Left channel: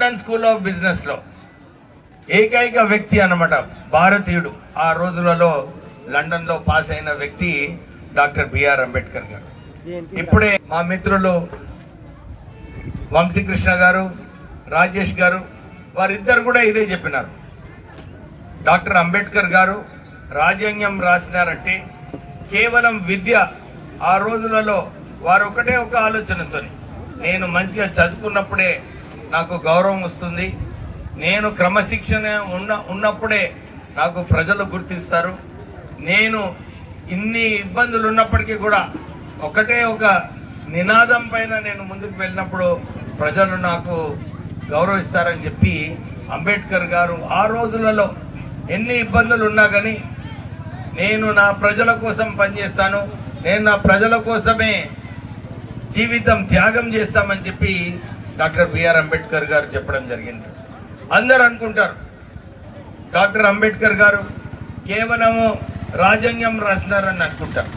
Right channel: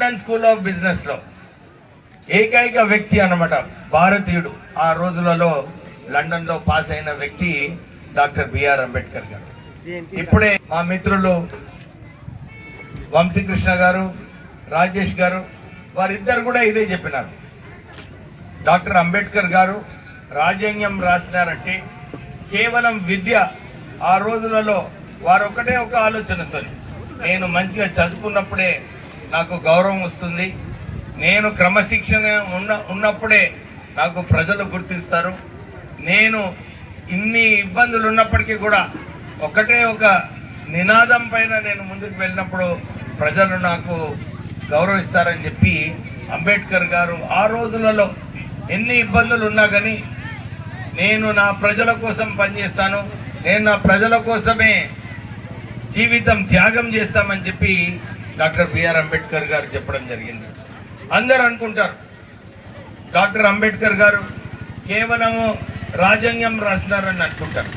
London school of business లో ఏకైక వ్యక్తి అన్నమాట, భారతీయుడు. ఆ రోజులలో లండన్ లో పాస్ అయిన వ్యక్తి డాక్టర్ బిఆర్ అంబేద్కర్ గారు. ఇప్పుడే మా మిత్రులు వంశీకృష్ణ గారు, రాజేష్ గారు, వారిద్దరు కూడా ఇదే చెప్పినారు. డాక్టర్ అంబేద్కర్ గారు రాజ్యాంగం రాసినారంటే కేవలం విద్య. ఆ రోజులలో వారు ఒకటే ఒక ఆలోచనతో, నేను మంచిగా చదువుకున్నప్పుడే నాకు గౌరవం వస్తుంది, నేను క్రమశిక్షణ ఉన్నప్పుడే నాకు ప్రజలు గుర్తిస్తారు, నేను ఇన్ని ఇబ్బందులు ఉన్నప్పటికీ కూడా ఒకటే ఒక నినాదం పైన నేను ముందుకు వెళ్ళినప్పుడు ప్రజలు నాకు గౌరవిస్తారని చెప్పి అంబేద్కర్ గారు ఆ రోజులలో ఎన్ని ఇబ్బందులు ఉన్నా కానీ నేను నా ప్రజల కోసం పనిచేస్తాను, నేను నా ప్రజల కోసమే జీవితం త్యాగం చేస్తామని చెప్పి డాక్టర్ బిఆర్ అంబేద్కర్ గారు చెప్పడం జరిగింది. అందరూ అనుకుంటారు డాక్టర్ అంబేద్కర్ గారు కేవలము రాజ్యాంగం రాసినారని అనుకుంటారు,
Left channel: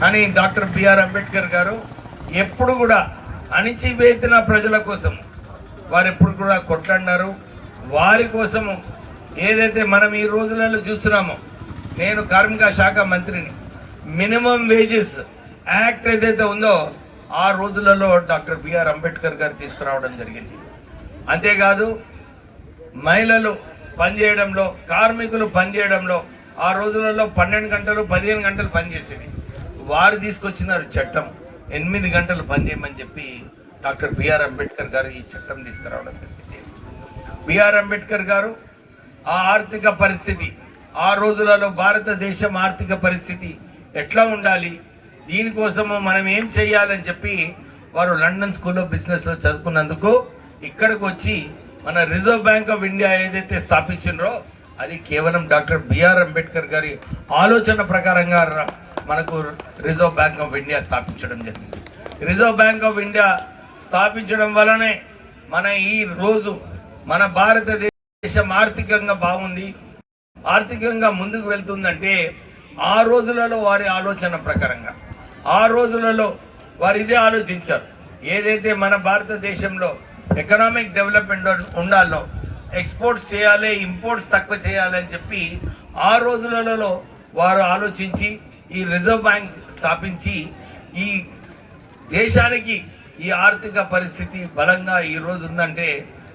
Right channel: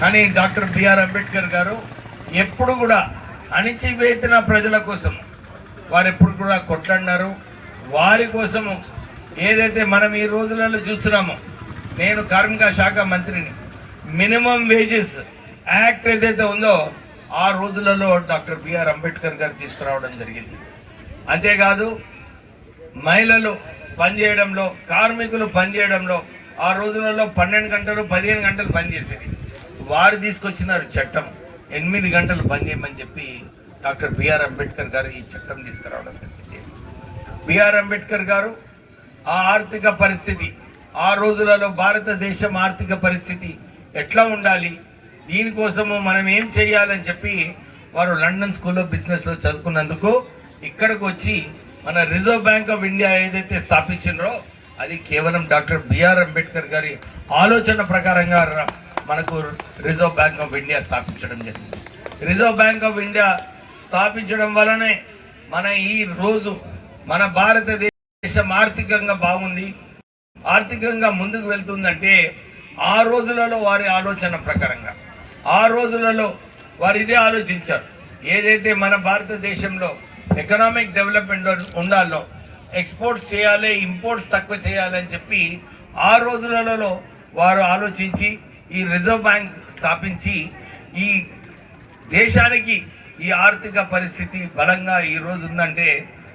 కానీ డాక్టర్ బిఆర్ అంబేద్కర్ గారు ఎప్పుడు కూడా అణిచివేసిన ప్రజల కోసం వారు ఎప్పుడు కూడా కొట్లాడినారు. వారి కోసము ఏదైతే మనం ఈ రోజులలో చూస్తున్నామో, నేను కార్మిక శాఖ మంత్రిని, మినిమం వేజెస్ యాక్ట్ ఏదైతే ఉందో ఆ రోజులలో డాక్టర్ బిఆర్ అంబేద్కర్ గారు తీసుకురావడం జరిగింది. అంతేకాదు మహిళలు పనిచేయడంలో, కార్మికులు పనిచేయడంలో ఆ రోజులలో 12 గంటలు 15 గంటలు పనిచేసేది. వారు తీసుకొచ్చినారు చట్టం 8 గంటలు పనిచేయమని చెప్పి డాక్టర్ బిఆర్ అంబేద్కర్ గారు ఈ చట్టం తీసుకురావడం జరిగింది. బిఆర్ అంబేద్కర్ గారు ఆ ఆర్థిక పరిస్థితి, ఆ రోజులలో భారతదేశం ఆర్థిక పరిస్థితి ఎట్లా ఉండాలి, దీనికోసము మనం ఏం చేయాలని చెప్పి వారు లండన్ స్కూల్ ఆఫ్ బిజినెస్ లో చదువుకున్నందుకు ఇక్కడికి వచ్చి మన రిజర్వ్ బ్యాంక్ ఆఫ్ ఇండియా ఏదైతే స్థాపించారో అది కేవలం డాక్టర్ బిఆర్ అంబేద్కర్ గారి ఆలోచన ప్రకారంగా మనకు రిజర్వ్ బ్యాంక్ ఆఫ్ ఇండియా స్థాపించడం జరిగింది. రిజర్వ్ బ్యాంక్ ఆఫ్ ఇండియా స్థాపించడం వలనే మన ఈ రోజు మన భారతదేశం ఆర్థికంగా బాగుంది, ఆర్థికంగా ముందుకు వెళ్తుందంటే ఆ రోజులలో వారి ఆలోచన ప్రకారంగా, ఆ రోజులలో వారు ఇదే ఆలోచించారు. ఏదైతే మన భారతదేశంలో ఎకనామిక్ డెవలప్మెంట్ ఉండాలో, ఎక్స్పోర్ట్స్ చేయాలి, ఇంపోర్ట్స్ తక్కువ చేయాలని చెప్పి ఆ రోజులలో వారు ఆలోచించి ఈ రిజర్వ్ బ్యాంక్ స్థాపించి ఈ దేశానికి ఈ ఆర్థిక పరిస్థితి బలంగా ఈ రోజు ఉందంటే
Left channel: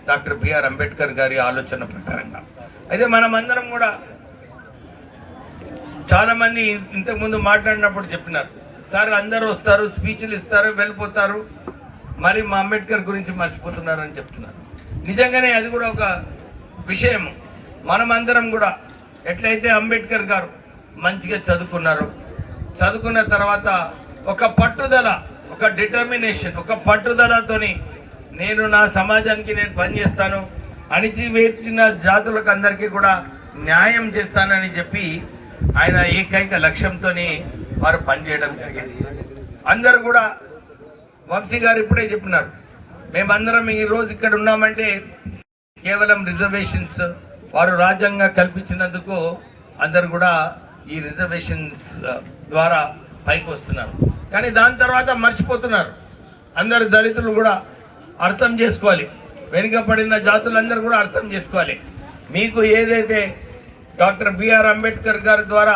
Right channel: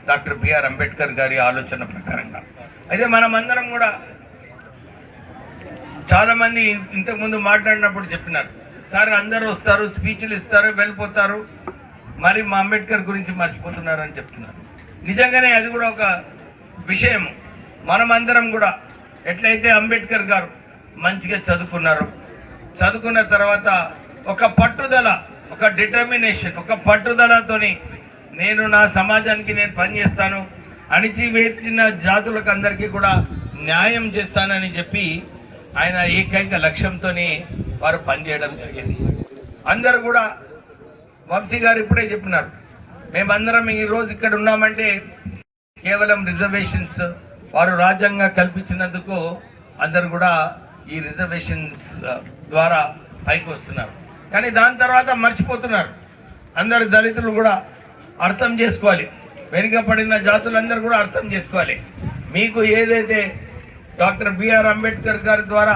డాక్టర్ బిఆర్ అంబేద్కర్ గారి ఆలోచన ప్రకారంగా. అయితే మనమందరం కూడా చాలా మంది ఇంతకుముందు మాట్లాడినప్పుడు చెప్పినారు, సార్ అందరూ వస్తారు, స్పీచ్లు ఇస్తారు, వెళ్ళిపోతారు, మరి మా అంబేద్కర్ గురించి మర్చిపోతున్నారు అని చెప్తున్నారు. నిజంగానే అది కూడా ఒక విషయం. మనమందరం కూడా ఎట్లయితే అంబేద్కర్ గారు మంచిగా చదువుకున్నారు, చదువుకున్న తర్వాత ఒక పట్టుదల, ఒక డిటర్మినేషన్, ఒక పట్టుదలతోని నేను నా సమాజానికి నేను పనిచేస్తాను, అణిచివేసిన జాతులకు అందరికీ కూడా న్యాయం చేస్తానని చెప్పి ఆయన ఏకైక లక్ష్యంతో వారు పనిచేయడం జరిగింది. అందరూ కూడా వంశీ గారు ఇప్పుడే చెప్పినారు, మేమందరం ఈ రోజు ఇక్కడ ఉన్నామంటే కేవలం రిజర్వేషన్స్ వారు రాజ్యాంగం కల్పించినందుకు అందరు కూడా ఈ రిజర్వేషన్స్ ద్వారా పైకి వస్తున్నారు. కానీ దాని తర్వాత మర్చిపోతున్నారు. అందరు దళితులు కూడా అర్థం చేసుకోవాలి, వెనుకబడిన జాతులందరూ కూడా అర్థం చేసుకోవాలి. మీకు ఏదైతే డాక్టర్ బిఆర్ అంబేద్కర్ గారి ద్వారా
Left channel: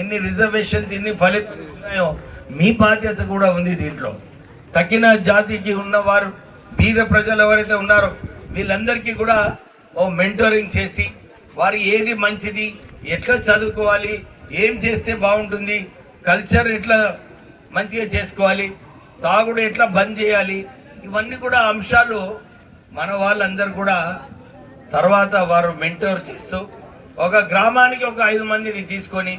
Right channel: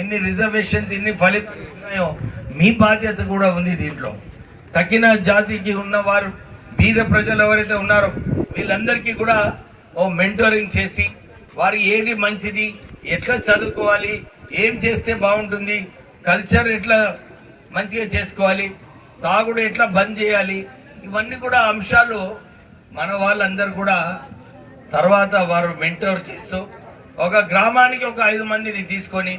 ఎన్ని రిజర్వేషన్స్, ఎన్ని ఫలితాలు ఉన్నాయో మీ బాధ్యత కూడా ఉంది. దీంట్లో తగిన జాతికి ఉన్నవారు, బీద ప్రజలు ఎవరైతే ఉన్నారో వీళ్ళందరికీ కూడా ఓ మెంటోరింగ్ చేసి వారు ఏది మంచిది, ఎట్లా చదువుకోవాలి, ఏం చేస్తే బాగుంటుంది, కల్చర్ ఎట్లా మంచిగా చేసుకోవాలి, తాగుడు ఎట్లా బంద్ చేయాలి, ఇవన్నీ కూడా అంశాలు మన వాళ్ళందరూ కూడా తర్వాత వారు మెంటోర్ చేస్తూ ఒక గ్రామానికి ఒక 5 మందిని తీసుకొని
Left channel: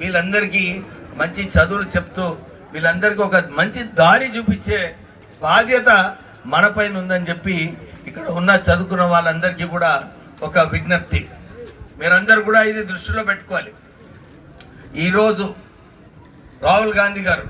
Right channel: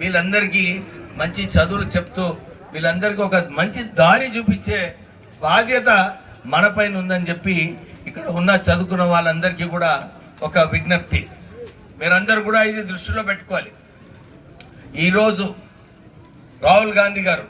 వీళ్ళందరికీ మంచి చదువులు చెప్తూ వీళ్ళందరికీ ఒక మంచి దారి చూపించే బాధ్యత మన పైన ఉందని చెప్పి ఇక్కడ ఉన్న చదువుకున్న వాళ్ళందరికీ కూడా ఒక విజ్ఞప్తి. మీరందరూ కూడా ఇది దృష్టిలో పెట్టుకోవాలి. ఈరోజు రాహుల్ గాంధీ గారు